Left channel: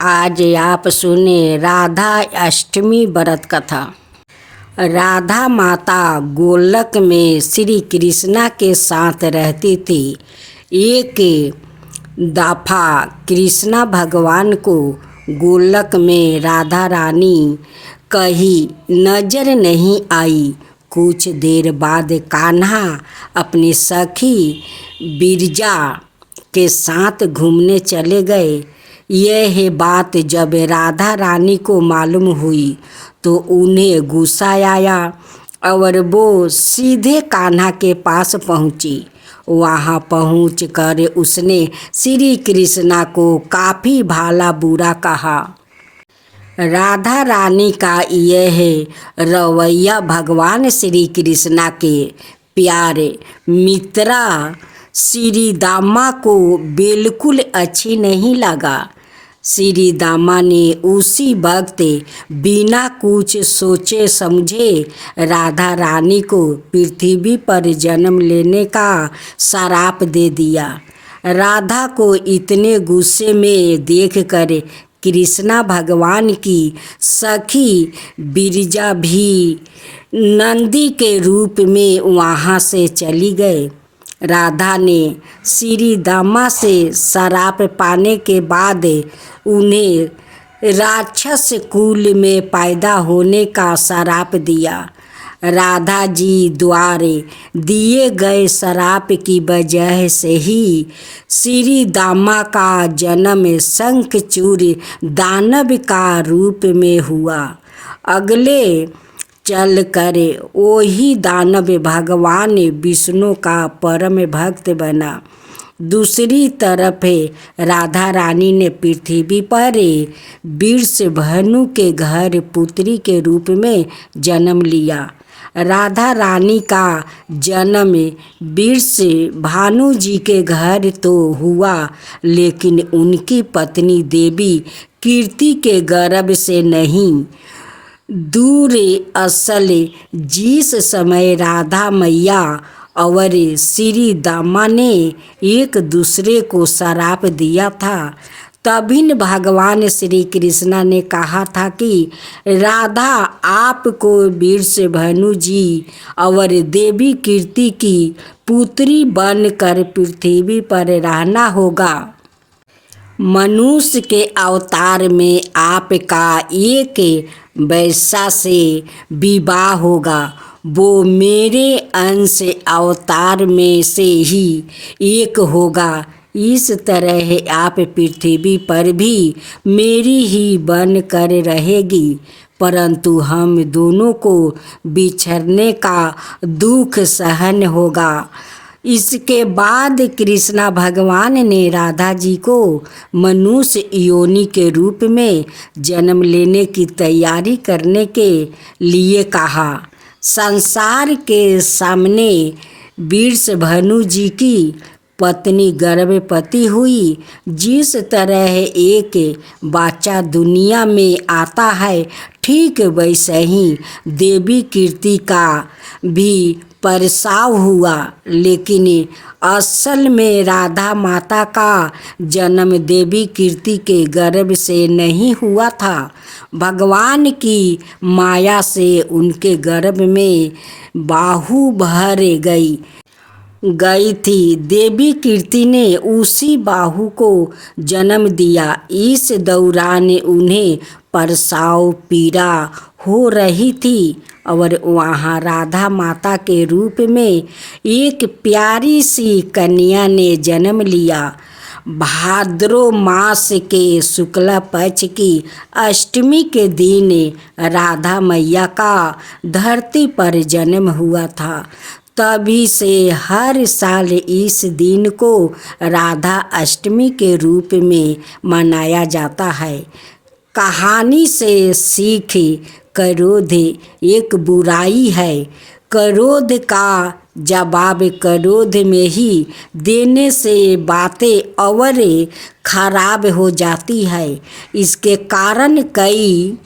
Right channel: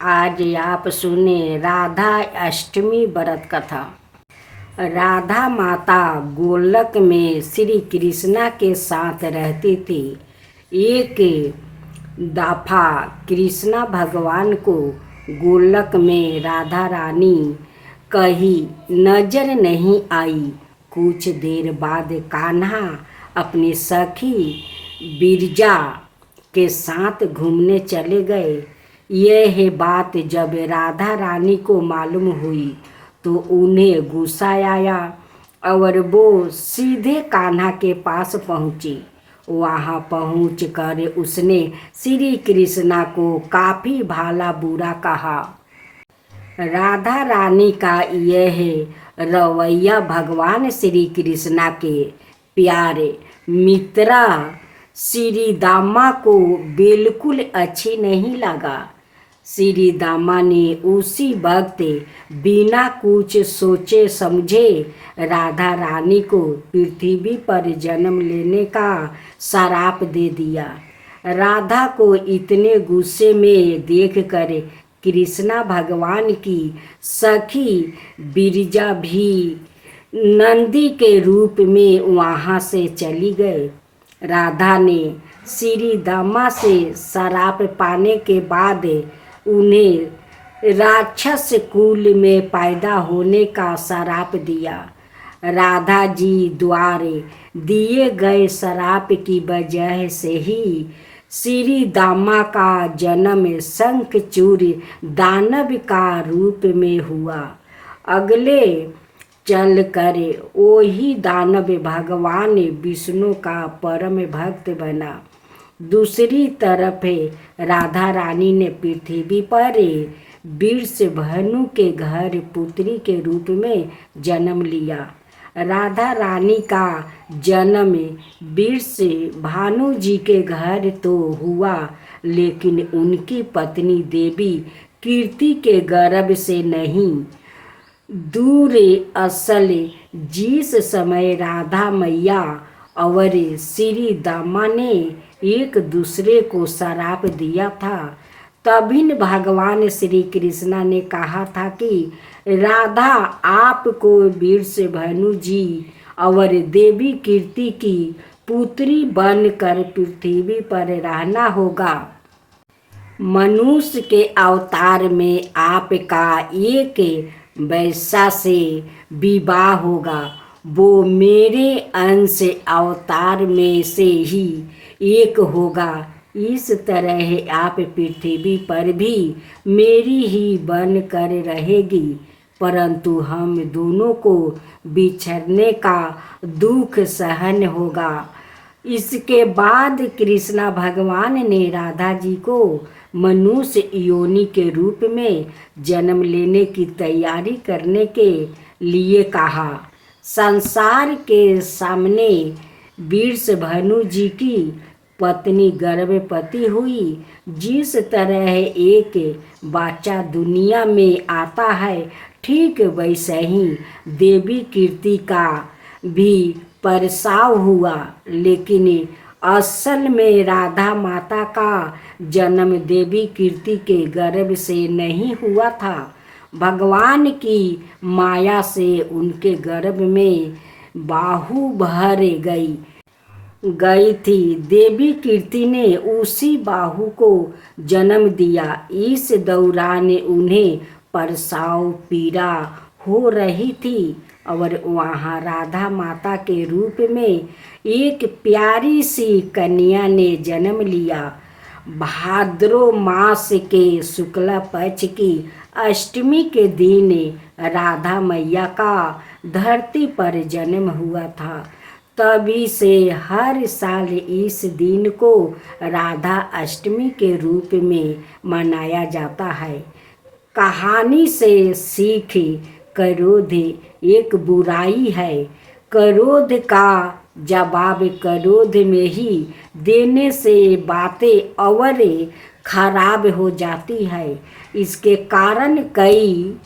आज आप सुने राधा अष्टमी व्रत कथा। राधा माता गोलक में श्री कृष्णा के साथ रहती थी। एक दफा कृष्णा भगवान को गोलक में राधा रानी कहीं नजर नहीं आई। कुछ देर बाद कान्हा अपनी सखी बिरजा के साथ घूमने चले गए। यह बात जब राधा रानी को मालूम हुई तो उन्हें गुस्सा आया और वो सीधे कान्हा के पास पहुंची। वहां पहुंचकर उसने श्री कृष्णा को काफ़ी भला बुरा कहा। राधा रानी का यह रवैया भगवान श्री कृष्णा के प्यारे मित्रा श्री दामा को बिल्कुल अच्छी नहीं लगा। श्री दामा ने उसी वक्त बिना कुछ सोचे समझे राधा रानी को पृथ्वी पर जन्म लेने का श्राप दे दिया। राधा को इतने गुस्से में देखकर कृष्णा भगवान की सखी बिरजा भी नंदी के रूप में वहाँ से चली गए। राधा ने श्री दामा से श्राप पाने के बाद उन्हें राक्षस कुल में पैदा होने का श्राप दिया। राधा जी द्वारा दिए गए श्राप की वजह से ही श्री दामा का जन्म शंखचूड़ दानव का रूप में हुआ। अगले चल कर वही दानव भगवान विष्णु का परम भक्त बना। दूसरी तरफ राधा रानी ने पृथ्वी पर वृषभानु के घर पुत्री के रूप में जन्म लिया। राधा रानी का जन्म वृषभानु जी के घर तो हुआ, लेकिन उनकी पत्नी देवी कीर्ति के गर्भ से नहीं। दूर असल जिस समय राधा मैया और श्री दामा ने एक दूसरे को श्राप दिया था, तभी भगवान श्री कृष्णा ने कहा था कि राधा आपको वृषभानु जी और देवी कीर्ति की पुत्री बनकर पृथ्वी पर रहना होगा। मनुष्य के अवतार में आपका एक वैश्या से विवाह होगा। वो मेरे अंश अवतार में से ही एक होगा। इस तरह आप पृथ्वी पर भी मेरी ही बन कर रहेगी, परंतु हम दोनों को बिछड़ने का दुख सहन होगा। इसके बाद कृष्णा भगवान ने राधा जी को मनुष्य योनि के रूप में जन्म लेने की तैयारी करने के लिए कहा। संसार के सामने वृषभानु जी की पत्नी गर्भवती हुई। जिस तरह एक बच्चा दुनिया में आता है, ठीक वैसे ही देवी कीर्ति का भी प्रसव हुआ, लेकिन असल में राधा माता का जन्म देवी कीर्ति के गर्भ से नहीं हुआ था। भगवान की माया से उनके गर्भ में बाहु भर गई थी। देवी कीर्ति ने उसी बाहु को जन्म दिया। इस दौरान उन्हें प्रसव पीड़ा हो रही थी और वहाँ राधा माता के रूप में एक प्यारी सी कन्या ने जन्म लिया। भाद्रो मास के शुक्ल पक्ष की अष्टमी के दिन राधा मैया का धरती पर जन्म हुआ था। तभी से हर साल इस दिन को राधा अष्टमी के रूप में मनाया जाता है। कहानी से सीख क्रोध एक बुराई है। क्रोध का जवाब क्रोध में ही देने से बातें और खराब हो जाती है। इसके कारण कई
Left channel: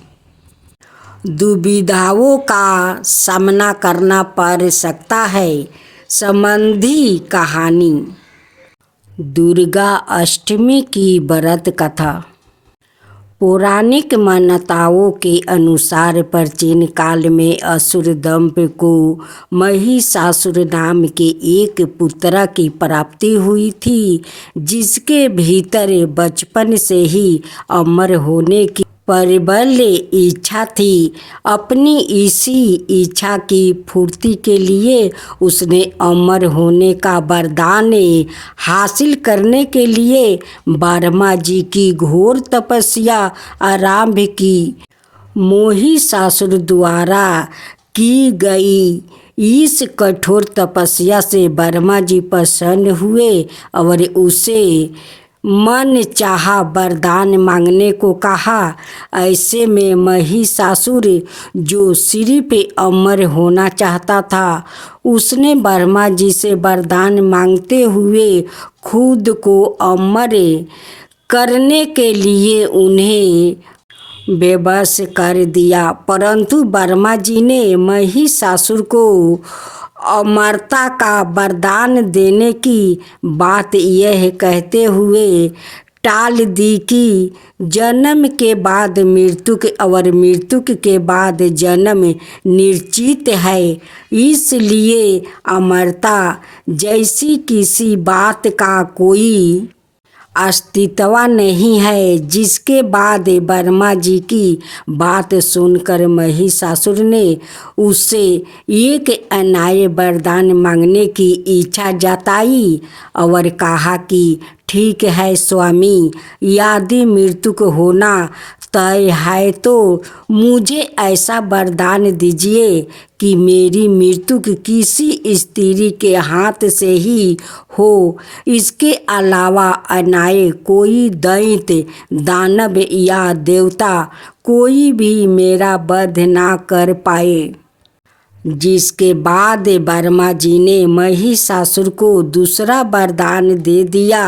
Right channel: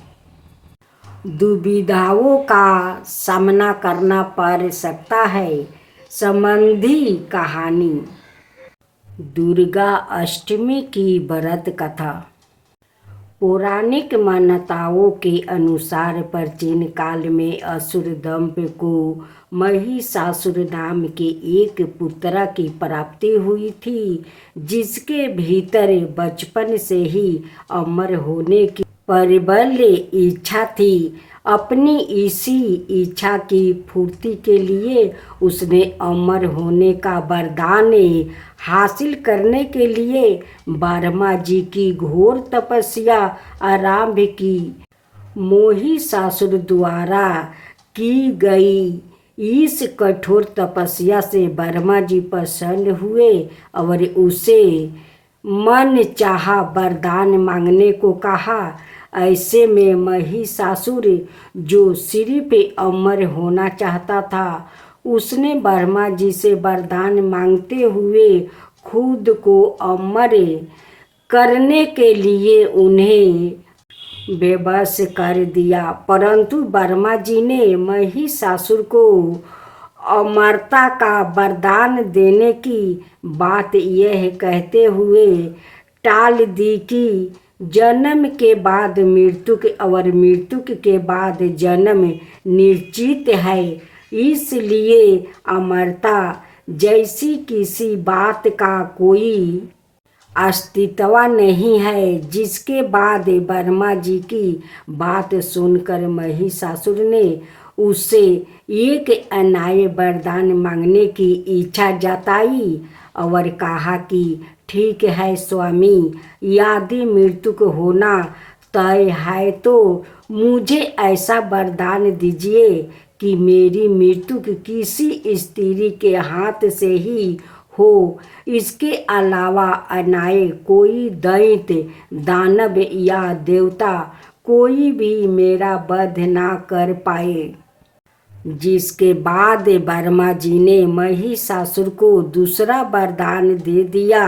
दुविधाओं का सामना करना पड़ सकता है। संबंधी कहानी। दुर्गा अष्टमी की व्रत कथा। पौराणिक मान्यताओं के अनुसार प्राचीन काल में असुर दंप को महिषासुर नाम के एक पुत्र की प्राप्ति हुई थी, जिसके भीतर बचपन से ही अमर होने की प्रबल इच्छा थी। अपनी इसी इच्छा की पूर्ति के लिए उसने अमर होने का वरदान हासिल करने के लिए ब्रह्मा जी की घोर तपस्या आरंभ की। महिषासुर द्वारा की गई इस कठोर तपस्या से ब्रह्मा जी प्रसन्न हुए और उसे मन चाहा वरदान मांगने को कहा। ऐसे में महिषासुर, जो सिर्फ अमर होना चाहता था, उसने ब्रह्मा जी से वरदान मांगते हुए खुद को अमर करने के लिए उन्हें बेबस कर दिया। परंतु ब्रह्मा जी ने महिषासुर को अमरता का वरदान देने की बात यह कहते हुए टाल दी कि जन्म के बाद मृत्यु और मृत्यु के बाद जन्म निश्चित है, इसलिए अमरता जैसी किसी बात का कोई अस्तित्व नहीं है। जिसके बाद ब्रह्मा जी की बात सुनकर महिषासुर ने उससे एक अन्याय वरदान मांगने की इच्छा जताई और कहा कि ठीक है स्वामी, यदि मृत्यु को होना तय है तो मुझे ऐसा वरदान दीजिए कि मेरी मृत्यु किसी स्त्री के हाथ से ही हो। इसके अलावा अन्याय कोई दैत्य, दानव या देवता कोई भी मेरा वध ना कर पाए। जिसके बाद ब्रह्मा जी ने महिषासुर को दूसरा वरदान दे दिया।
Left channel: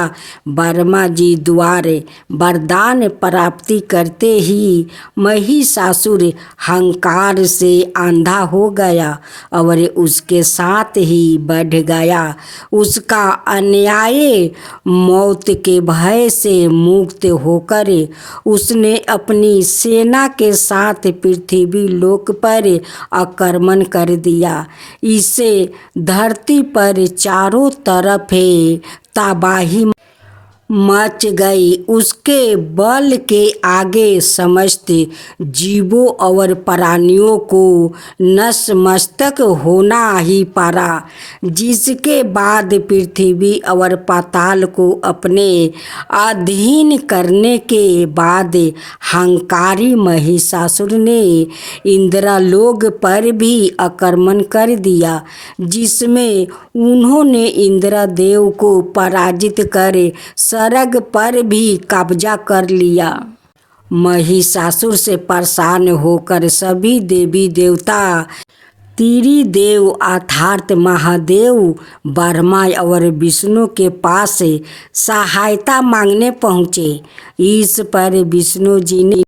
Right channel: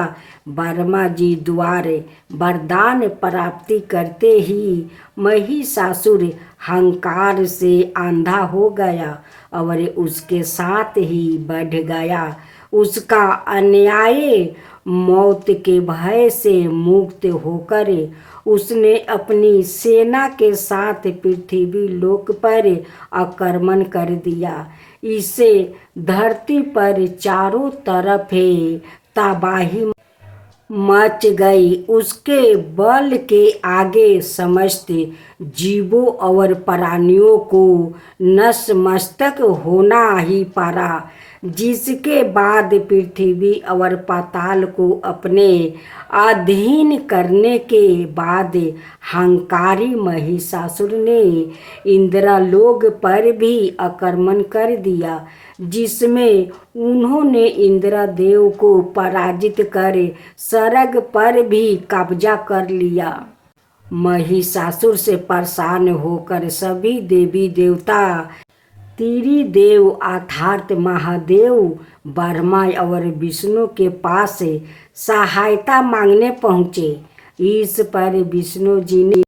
ब्रह्मा जी द्वारा वरदान प्राप्ति करते ही महिषासुर अहंकार से अंधा हो गया और उसके साथ ही बढ़ गया। उसका अन्याय मौत के भय से मुक्त होकर उसने अपनी सेना के साथ पृथ्वी लोक पर आक्रमण कर दिया। इससे धरती पर चारों तरफ तबाही मच गई। उसके बल के आगे समस्त जीवों और प्राणियों को नतमस्तक होना ही पड़ा। जिसके बाद पृथ्वी और पाताल को अपने अधीन करने के बाद अहंकारी महिषासुर ने इंद्रलोक पर भी आक्रमण कर दिया, जिसमें उन्होंने इंद्रदेव को पराजित कर स्वर्ग पर भी कब्जा कर लिया। महिषासुर से परेशान होकर सभी देवी देवता त्रिदेव अर्थात महादेव ब्रह्मा और विष्णु के पास सहायता मांगने पहुँचे। इस पर विष्णु जी ने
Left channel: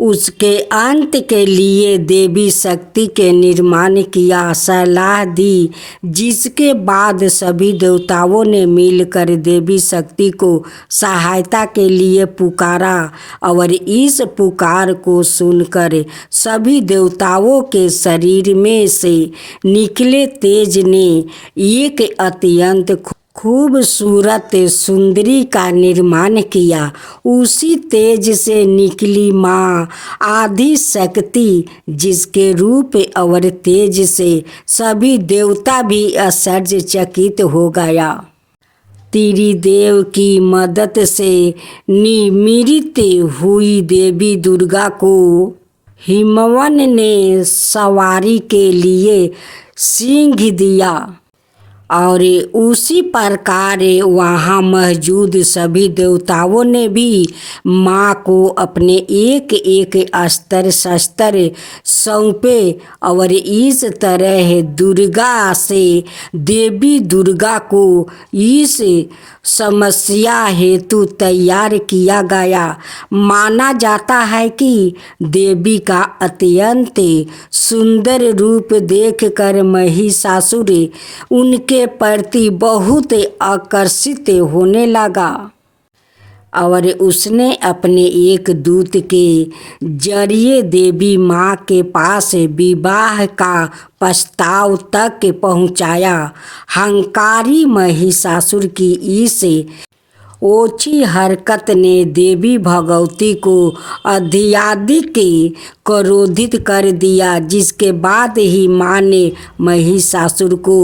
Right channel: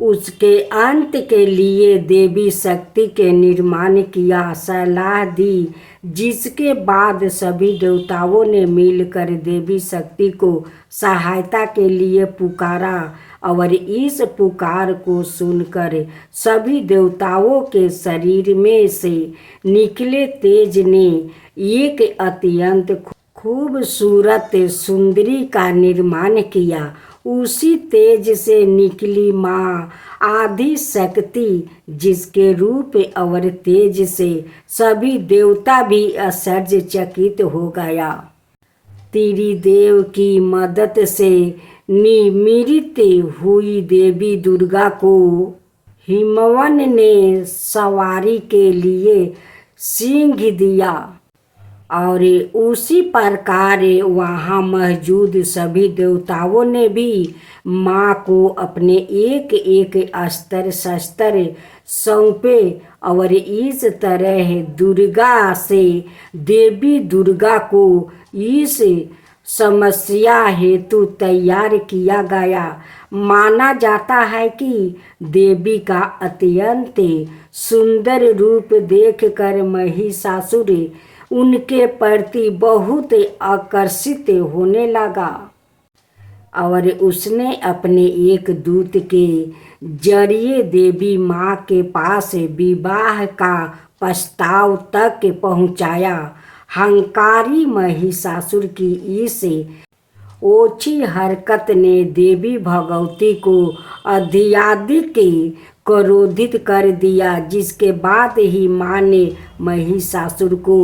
उसके अंत के लिए देवी शक्ति के निर्माण किया सलाह दी। जिसके बाद सभी देवताओं ने मिलकर देवी शक्ति को सहायता के लिए पुकारा और इस पुकार को सुनकर सभी देवताओं के शरीर में से निकले तेज ने एक अत्यंत खूबसूरत सुंदरी का निर्माण किया। उसी तेज से निकली माँ आदि शक्ति, जिसके रूप और तेज से सभी देवता भी आश्चर्यचकित हो गया। त्रिदेव की मदद से निमित्त हुई देवी दुर्गा को हिमवन ने सवारी के लिए सिंह दिया और उसी प्रकार वहाँ मौजूद सभी देवताओं ने भी माँ को अपने एक एक अस्त्र शस्त्र सौंपे और इस तरह दुर्गा से देवी दुर्गा को इस समस्या हेतु तैयार किया गया। माना जाता है कि देवी का अत्यंत सुंदर रूप देखकर महिषासुर उनके प्रति बहुत आकर्षित होने लगा। और उसने अपने एक दूत के जरिए देवी माँ के पास विवाह का प्रस्ताव तक पहुँचाया। हंकारी महिषासुर की इस ओछी हरकत ने देवी भगवती को अत्यधिक क्रोधित कर दिया, जिसके बाद ही माँ ने महिषासुर को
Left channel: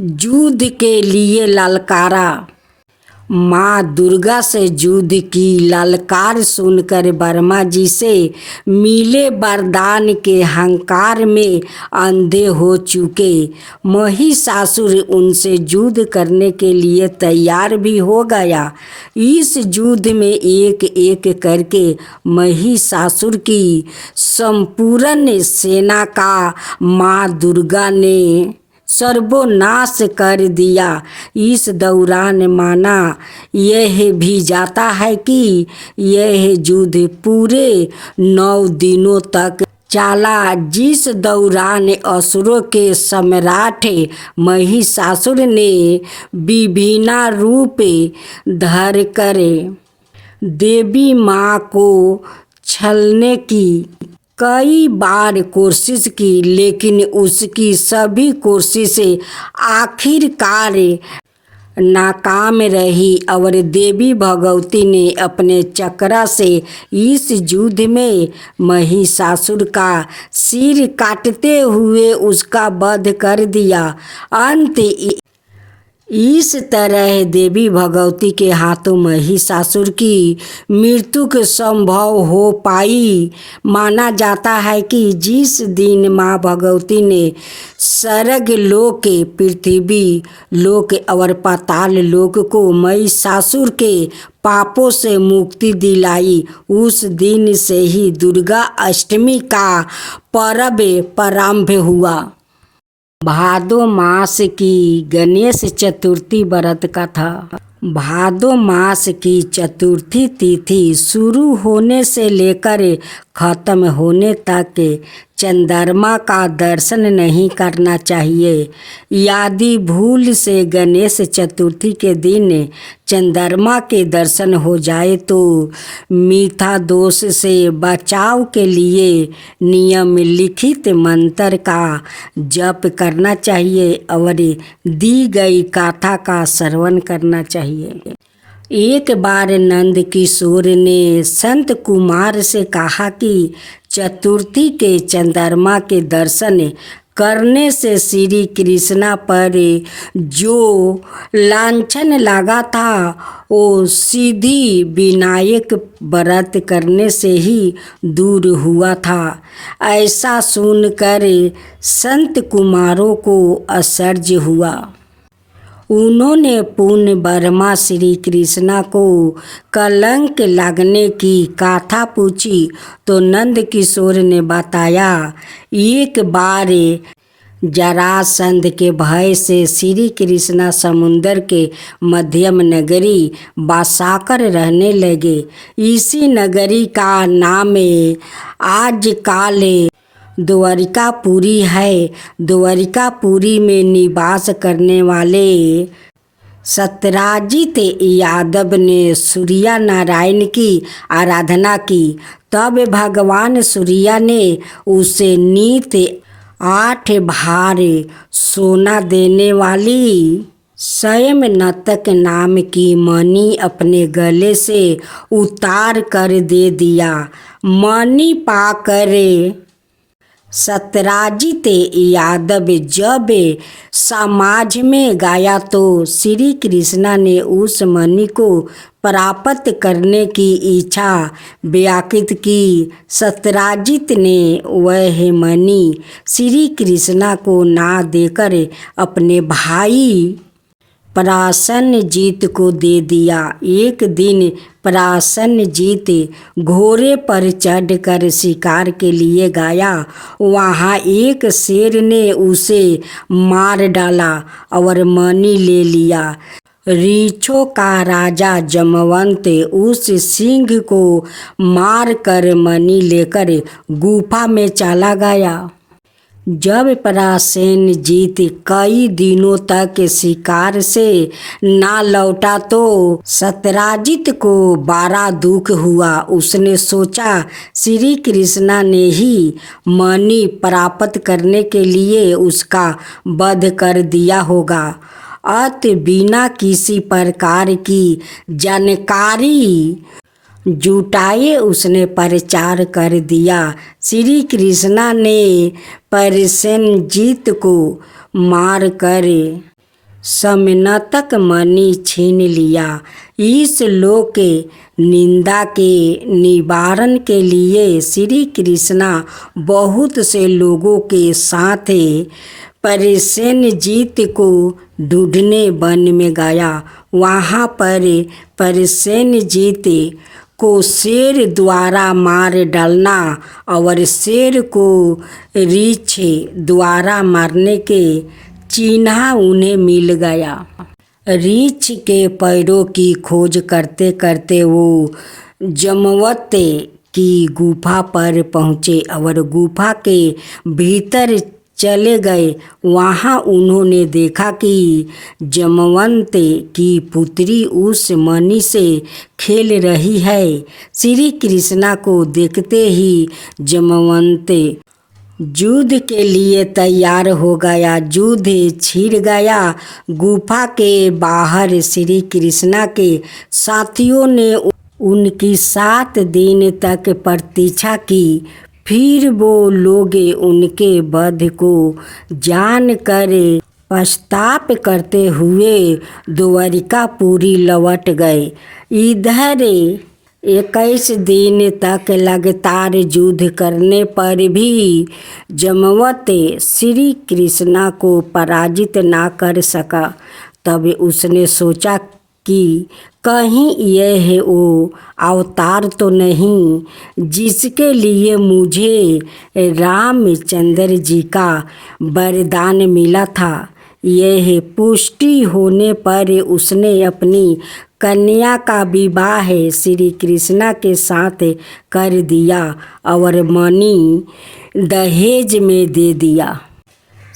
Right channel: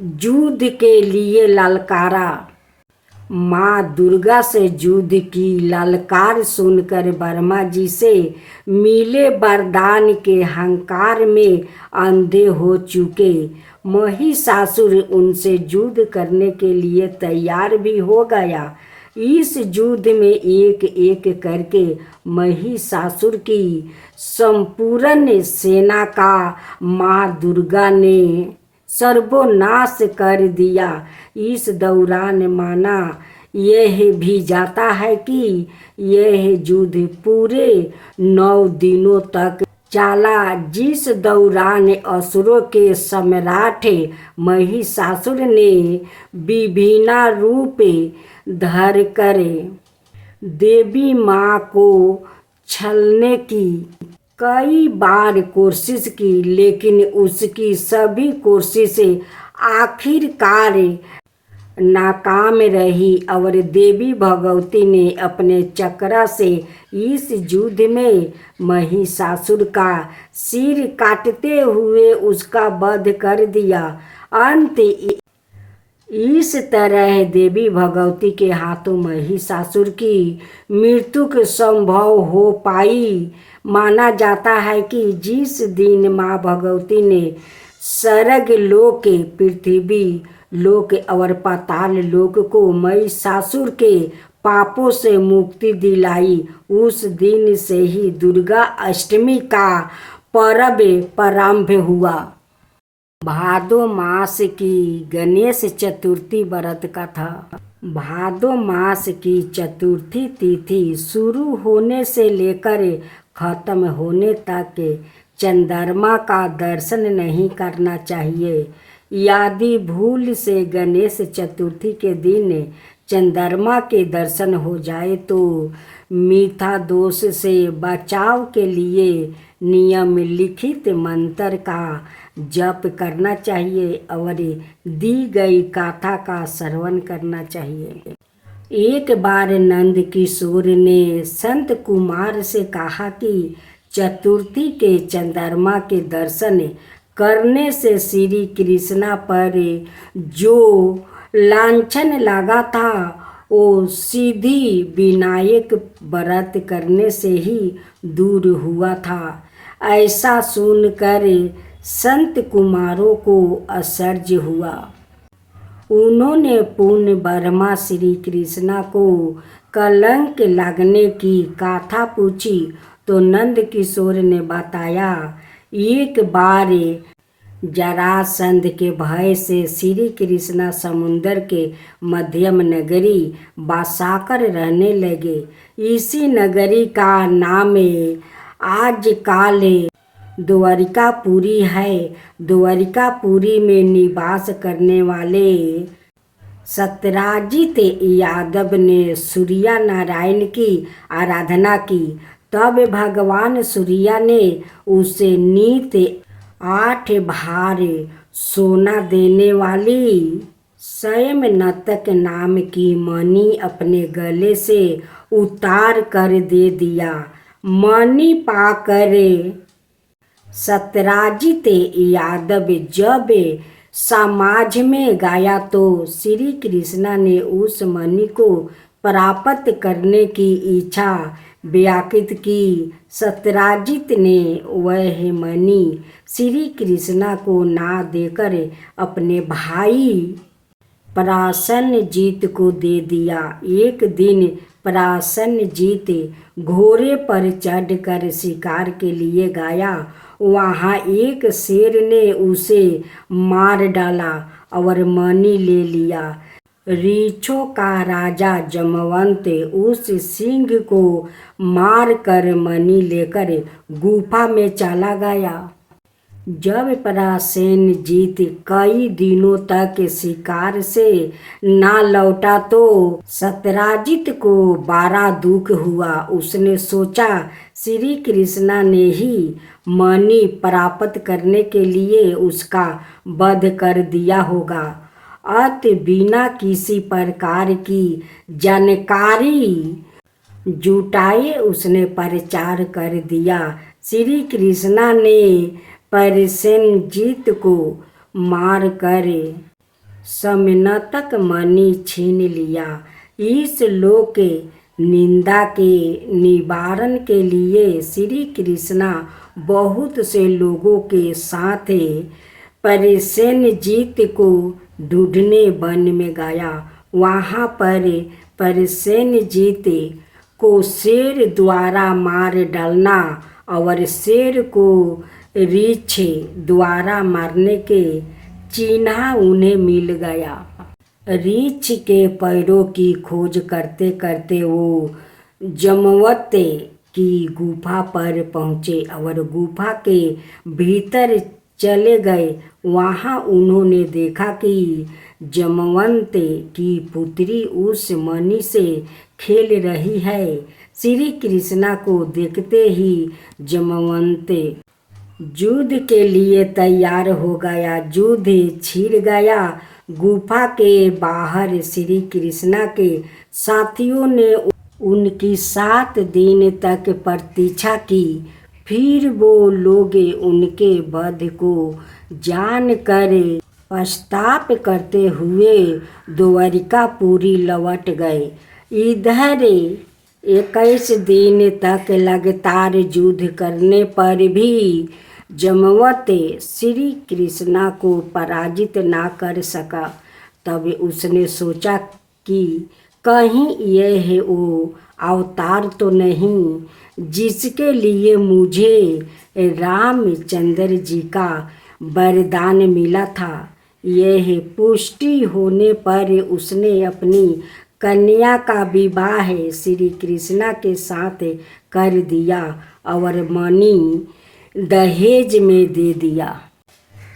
युद्ध के लिए ललकारा। माँ दुर्गा से युद्ध की ललकार सुनकर ब्रह्मा जी से मिले वरदान के अहंकार में अंधे हो चुके महिषासुर उनसे युद्ध करने के लिए तैयार भी हो गया। इस युद्ध में एक एक करके महिषासुर की संपूर्ण सेना का माँ दुर्गा ने सर्वनाश कर दिया। इस दौरान माना यह भी जाता है कि यह युद्ध पूरे 9 दिनों तक चला, जिस दौरान असुरों के सम्राट महिषासुर ने विभिन्न रूप धरकर देवी माँ को छलने की कई बार कोशिश की, लेकिन उसकी सभी कोशिशें आखिरकार नाकाम रही और देवी भगवती ने अपने चक्र से इस युद्ध में महिषासुर का सिर काटते हुए उसका वध कर दिया। अंत इस तरह देवी भगवती के हाथों महिषासुर की मृत्यु संभव हो पाई। माना जाता है कि जिस दिन माँ भगवती ने स्वर्ग लोक, पृथ्वी लोक और पाताल लोक को महिषासुर के पापों से मुक्ति दिलाई, उस दिन से ही दुर्गा अष्टमी का पर्व प्रारंभ हुआ। भादो मास की गणेश चतुर्थी व्रत कथा। भादो मास की चतुर्थी तिथि शुरू होने से लेकर खत्म होने तक चंद्रमा का दर्शन नहीं करना चाहिए। यदि भूल से गणेश चतुर्थी के दिन चंद्रमा के दर्शन हो जाए तो मिथ्या दोष से बचाव के लिए नियम लिखित मंत्र का जप करना चाहिए और दी गई कथा का श्रवण करना चाहिए। एक बार नंद किशोर ने संत कुमार से कहा कि चतुर्थी के चंद्रमा के दर्शन करने से श्री कृष्णा पर जो लांछन लगा था वो सिद्धि विनायक व्रत करने से ही दूर हुआ था। ऐसा सुनकर संत कुमारों को आश्चर्य हुआ। उन्होंने पुण्य ब्रह्मा श्री कृष्णा को कलंक लगने की कथा पूछी तो नंद किशोर ने बताया, एक बार जरासंध के भय से श्री कृष्णा समुद्र के मध्यम नगरी बसाकर रहने लगे। इसी नगरी का नाम आजकल द्वारिकापुरी है। द्वारिकापुरी में निवास करने वाले सत्यराजित यादव ने सूर्य नारायण की आराधना की। तब भगवान सूर्य ने उसे नित 8 भार सोना देने वाली स्वयं नतक नाम की मणि अपने गले से उतार कर दे दिया। मणि पाकर सत्यराजित यादव जब समाज में गया तो श्री कृष्णा ने उस मणि को प्राप्त करने की इच्छा व्यक्त की। सत्यराजित ने वह मणि श्री कृष्णा को ना देकर अपने भाई प्रसन्नजीत को दे दिया। एक दिन प्रसन्नजीत घोड़े पर चढ़कर शिकार के लिए गया। वहाँ एक शेर ने उसे मार डाला और मणि ले लिया। ऋक्षों का राजा जमवंत उस सिंह को मार कर मणि लेकर गुफा में चला गया। जब परासेनजीत कई दिनों तक शिकार से ना लौटा तो सत्यराजित को बड़ा दुख हुआ। उसने सोचा श्री कृष्णा ने ही मणि प्राप्त करने के लिए उसका वध कर दिया होगा। अत बिना किसी प्रकार की जानकारी जुटाए उसने प्रचार कर दिया। श्री कृष्णा ने परासेनजीत को मारकर समनतक मणि छीन लिया। इस लोक के निंदा के निवारण के लिए श्री कृष्णा बहुत से लोगों के साथ परासेनजीत को ढूंढने वन में गया। वहाँ पर परासेनजीत को शेर द्वारा मार डालना और शेर को रीछ द्वारा मारने के चिन्ह उन्हें मिल गया। रीछ के पैरों की खोज करते करते वो जमवंत की गुफा पर पहुँचे और गुफा के भीतर चले गए। वहाँ उन्होंने देखा कि जमवंत की पुत्री उस मणि से खेल रही है। श्री कृष्णा को देखते ही जमवंत युद्ध के लिए तैयार हो गया। युद्ध छिड़ गया। गुफा के बाहर श्री कृष्णा के साथियों ने उनकी 7 दिन तक प्रतीक्षा की। फिर वो लोग उनके वध को जानकर पश्चाताप करते हुए द्वारिकापुरी लौट गए। इधर 21 दिन तक लगातार युद्ध करने पर भी जमवंत श्री कृष्णा को पराजित ना कर सका। तब उसने सोचा कि कहीं यह वो अवतार तो नहीं जिसके लिए मुझे रामचंद्र जी का वरदान मिला था। यह पुष्टि होने पर उसने अपनी कन्या का विवाह श्री कृष्णा के साथ कर दिया और मणि दहेज में दे दिया।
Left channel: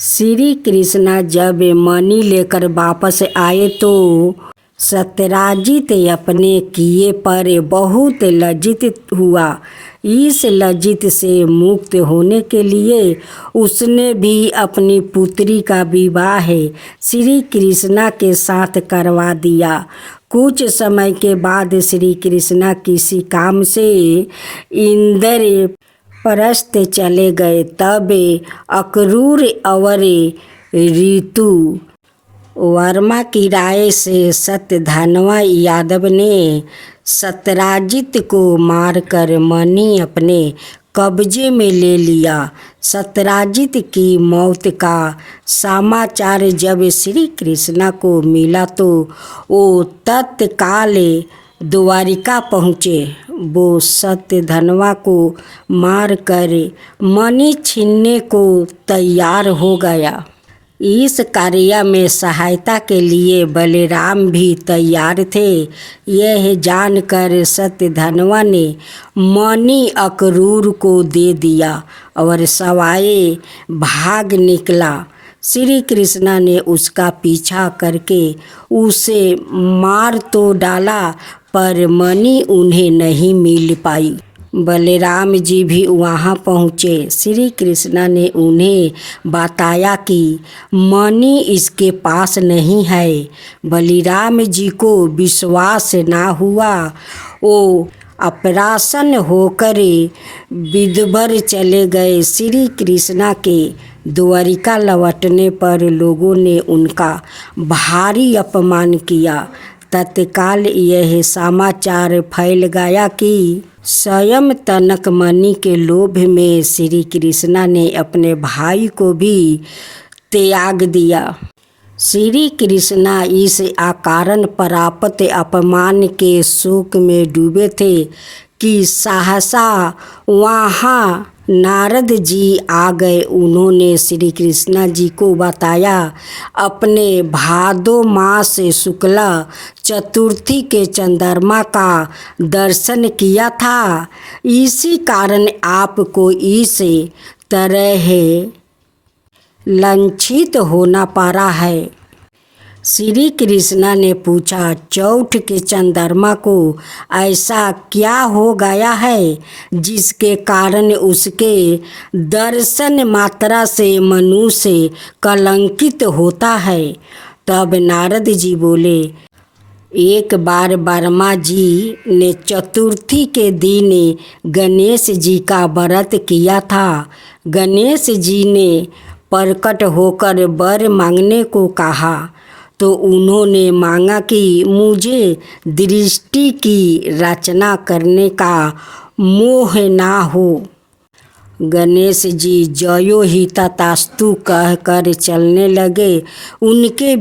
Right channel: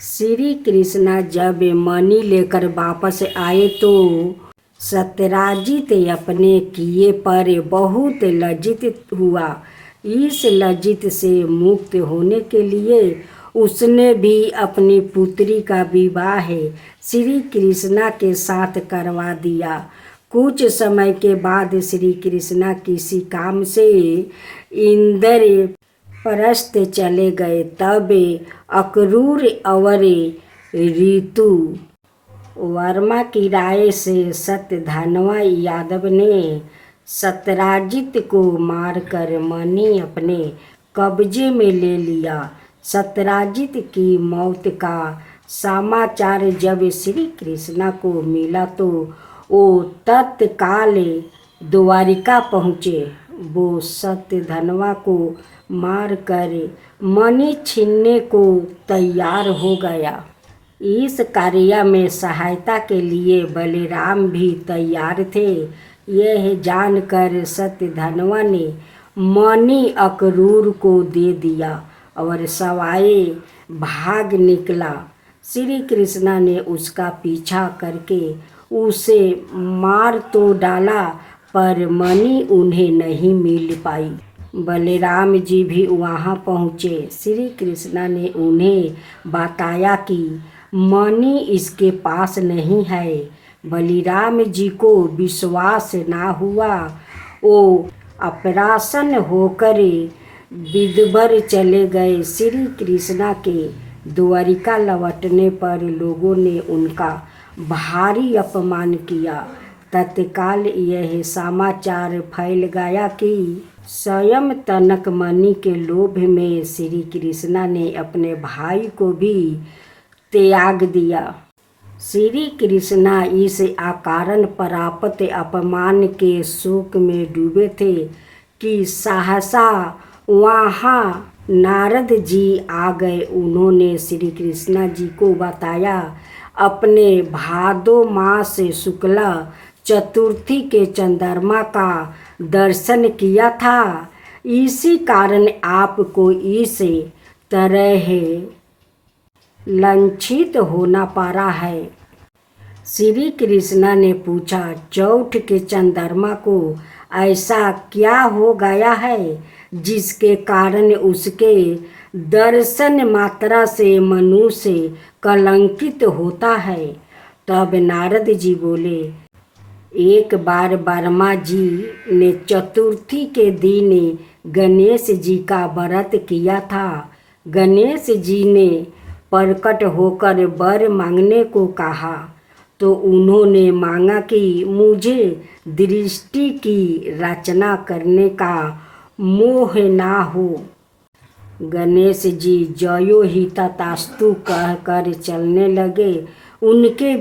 श्री कृष्णा जब मणि लेकर वापस आए तो सत्यराजित अपने किए पर बहुत लज्जित हुआ। इस लज्जित से मुक्त होने के लिए उसने भी अपनी पुत्री का विवाह श्री कृष्णा के साथ करवा दिया। कुछ समय के बाद श्री कृष्णा किसी काम से इंद्रप्रस्थ चले गए। तब अक्रूर और ऋतु वर्मा की राय से सत्यधनवा यादव ने सत्यराजित को मारकर मणि अपने कब्जे में ले लिया। सत्यराजित की मौत का समाचार जब श्री कृष्णा को मिला तो वो तत्काल द्वारिका पहुँचे। वो सत्यधनवा को मारकर मणि छीनने को तैयार हो गया। इस कार्य में सहायता के लिए बलराम भी तैयार थे। यह जानकर सत्यधनवा ने मणि अक्रूर को दे दिया और सवाए भाग निकला। श्री कृष्णा ने उसका पीछा करके उसे मार तो डाला पर मणि उन्हें नहीं मिल पाई। बलराम जी भी वहाँ पहुँचे। श्री कृष्णा ने उन्हें बताया कि मणि इसके पास नहीं है। बलराम जी को विश्वास ना हुआ। वो अप्रसन्न होकर विदुबर चले गए। श्री कृष्णा के द्वारिका लौटने पर लोगों ने उनका भारी अपमान किया। तत्काल यह समाचार फैल गया कि स्वयं तनक मणि के लोभ में श्री कृष्णा ने अपने भाई को भी त्याग दिया। श्री कृष्णा इस अकारण प्राप्त अपमान के शोक में डूबे थे कि सहसा वहाँ नारद जी आ गए। उन्होंने श्री कृष्णा जी को बताया अपने भादो मास शुक्ला चतुर्थी के चंद्रमा का दर्शन किया था। इसी कारण आपको इस तरह लंचित होना पारा है। श्री कृष्णा ने पूछा, चौथ के चंद्रमा को ऐसा क्या हो गया है जिसके कारण उसके दर्शन मात्रा से मनुष्य कलंकित होता है। तब नारद जी बोले, एक बार वर्मा जी ने चतुर्थी के दिन गणेश जी का व्रत किया था। गणेश जी ने प्रकट होकर वर मांगने को कहा तो उन्होंने मांगा कि मुझे दृष्टि की रचना करने का मोह ना हो। गणेश जी जयो ही तथास्तु कहकर चलने लगे। उनके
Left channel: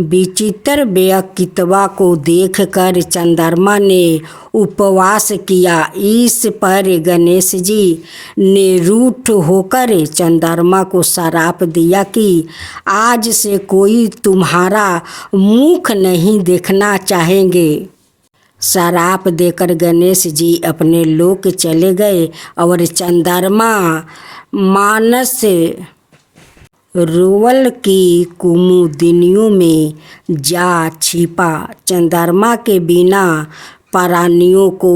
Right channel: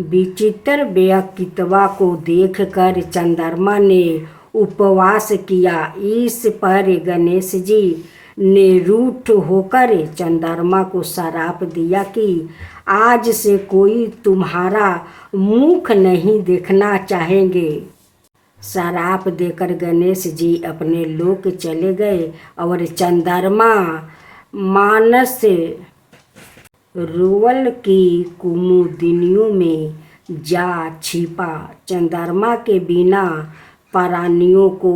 विचित्र व्यक्तित्व को देखकर चंद्रमा ने उपवास किया। इस पर गणेश जी ने रूठ होकर चंद्रमा को श्राप दिया कि आज से कोई तुम्हारा मुख नहीं देखना चाहेंगे। श्राप देकर गणेश जी अपने लोक चले गए और चंद्रमा मानस रोवल की कुमुदिनियों में जा छिपा। चंद्रमा के बिना प्राणियों को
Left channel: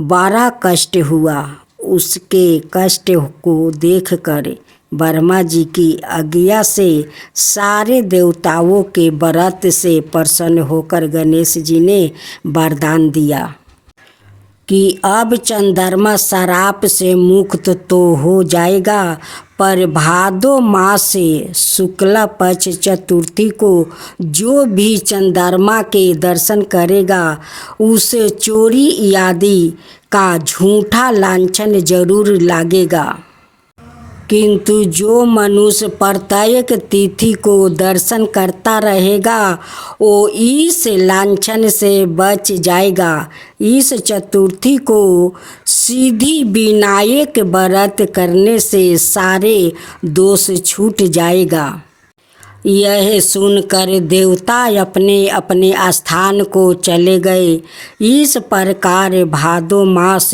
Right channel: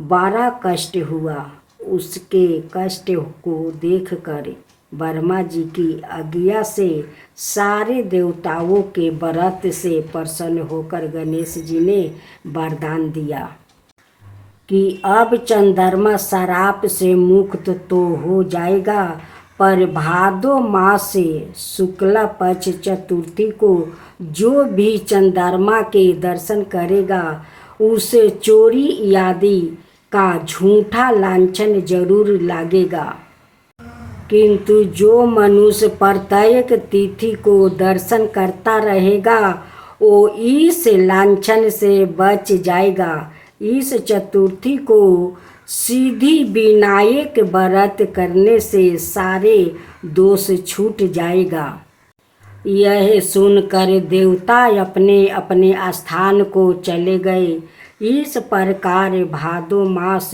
बड़ा कष्ट हुआ। उसके कष्ट को देखकर वर्मा जी की आज्ञा से सारे देवताओं के व्रत से प्रसन्न होकर गणेश जी ने वरदान दिया कि अब चंद्रमा श्राप से मुक्त तो हो जाएगा, पर भादो मास से शुक्ला पक्ष चतुर्थी को जो भी चंद्रमा के दर्शन करेगा उसे चोरी आदि का झूठा लांछन जरूर लागेगा। किंतु जो मनुष्य प्रत्येक तिथि को दर्शन करता रहेगा वो इस लांछन से बच जाएगा। इस चतुर्थी को सिद्धि विनायक व्रत करने से सारे दोष छूट जाएगा। यह सुनकर देवता अपने अपने स्थान को चले गए। इस प्रकार भादो मास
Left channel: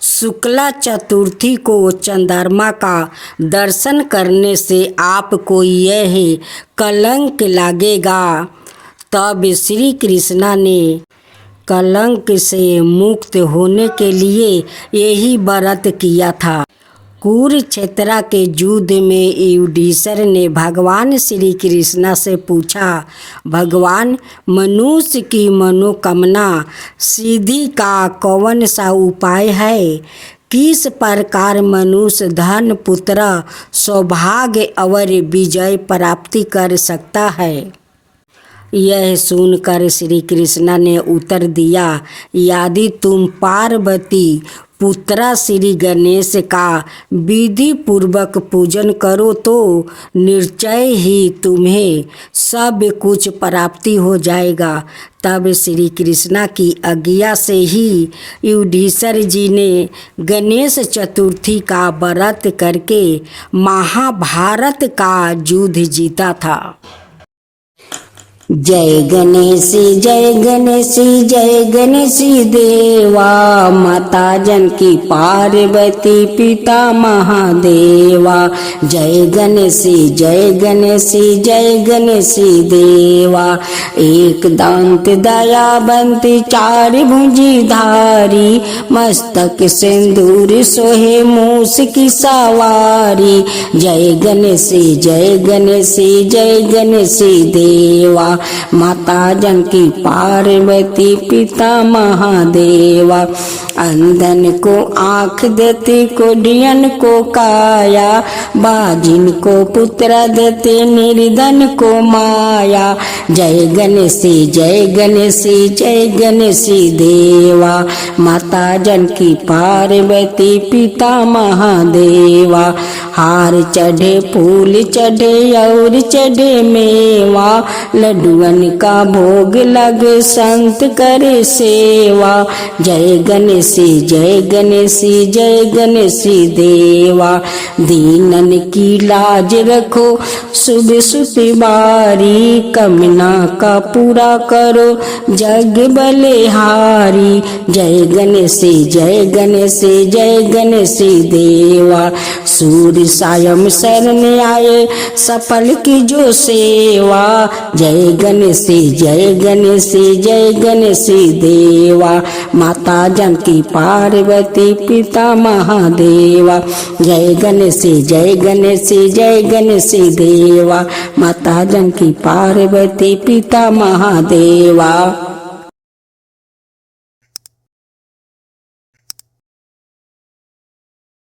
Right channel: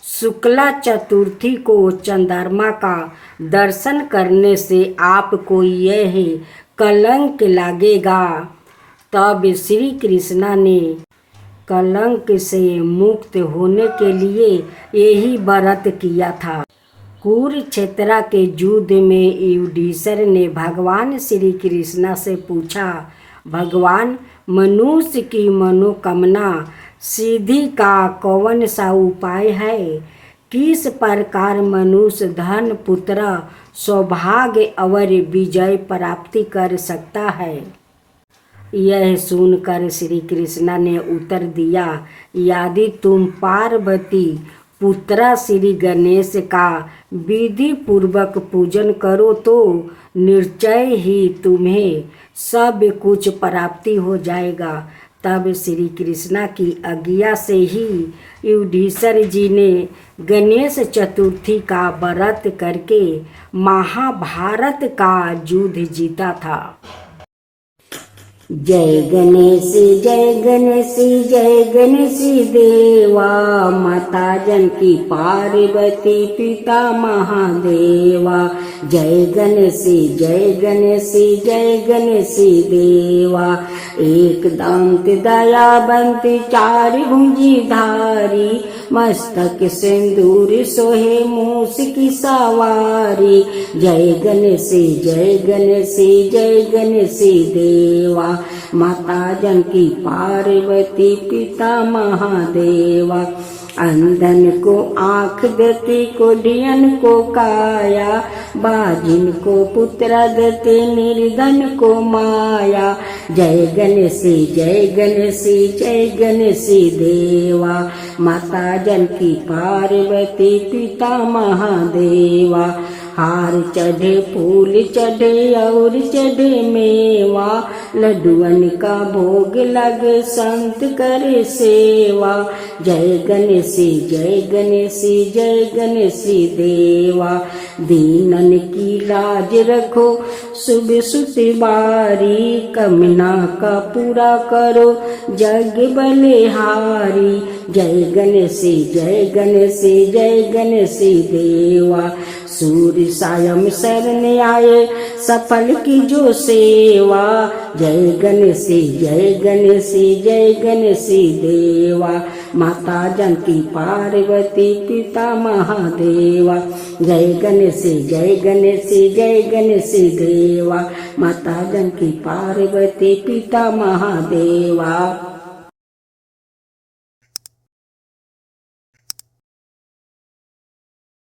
शुक्ला चतुर्थी को चंद्रमा का दर्शन करने से आपको यह कलंक लगेगा। तब श्री कृष्णा ने कलंक से मुक्त होने के लिए यही व्रत किया था। कुरुक्षेत्र के युद्ध में युधिष्ठिर ने भगवान श्री कृष्णा से पूछा, भगवान, मनुष्य की मनोकामना सिद्धि का कौन सा उपाय है? किस प्रकार मनुष्य धन, पुत्र, सौभाग्य और विजय प्राप्ति कर सकता है? यह सुनकर श्री कृष्णा ने उत्तर दिया, यदि तुम पार्वती पुत्र श्री गणेश का विधि पूर्वक पूजन करो तो निश्चय ही तुम्हें सब कुछ प्राप्ति हो जाएगा। तब श्री कृष्णा की आज्ञा से ही युधिष्ठिर जी ने गणेश चतुर्थी का व्रत करके महाभारत का युद्ध जीता था। जय गणेश जय गणेश जय गणेश देवा, माता जानकी पार्वती पिता महादेवा। जय गणेश जय गणेश जय गणेश देवा, एक दांत दयावंत चार भुजी धारी, मस्तक सिंदूर सोहे मूस की सवारी। जय गणेश जय गणेश जय गणेश देवा, माता जानकी पार्वती पिता महादेवा। अंधन को आँख देते, कोढ़ियन को काया, बाजिन को पुत्र देते, निर्धन को माया। जय गणेश जय गणेश जय गणेश देवा, माता जानकी पार्वती पिता महादेवा। हार चढ़े फूल चढ़े और चढ़े मेवा, लड्डुअन का भोग लगे संत करे सेवा। जय गणेश गणेश देवा। दीनन की लाज रखो सुबह सुबह बारी, कमना का पूरा करो जग बलिहारी। जय गणेश देवा। सूर्य सायं शरण आए सफल की जो सेवा। जय गणेश देवा। माता जानकी पार्वती पिता महादेवा। जय गणेश देवा। माता जानकी पार्वती पिता महादेवा।